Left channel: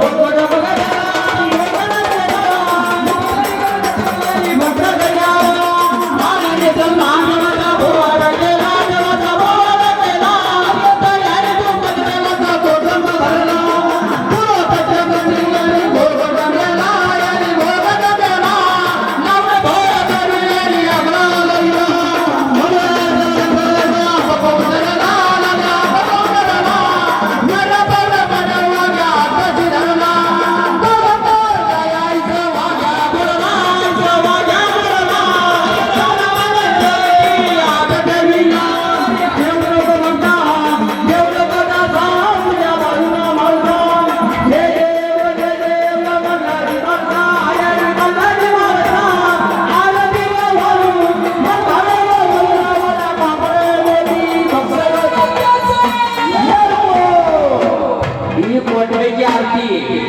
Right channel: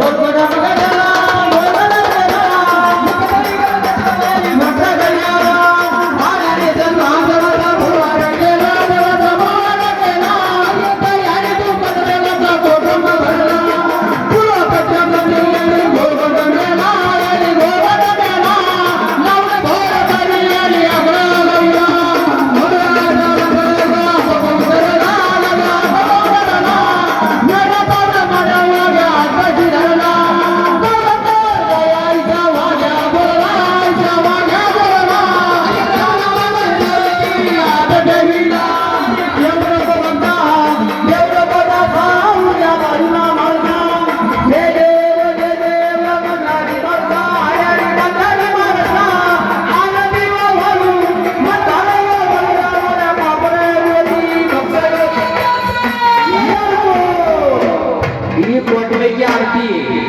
Vamos lá, galera. পরে পরে আর কি।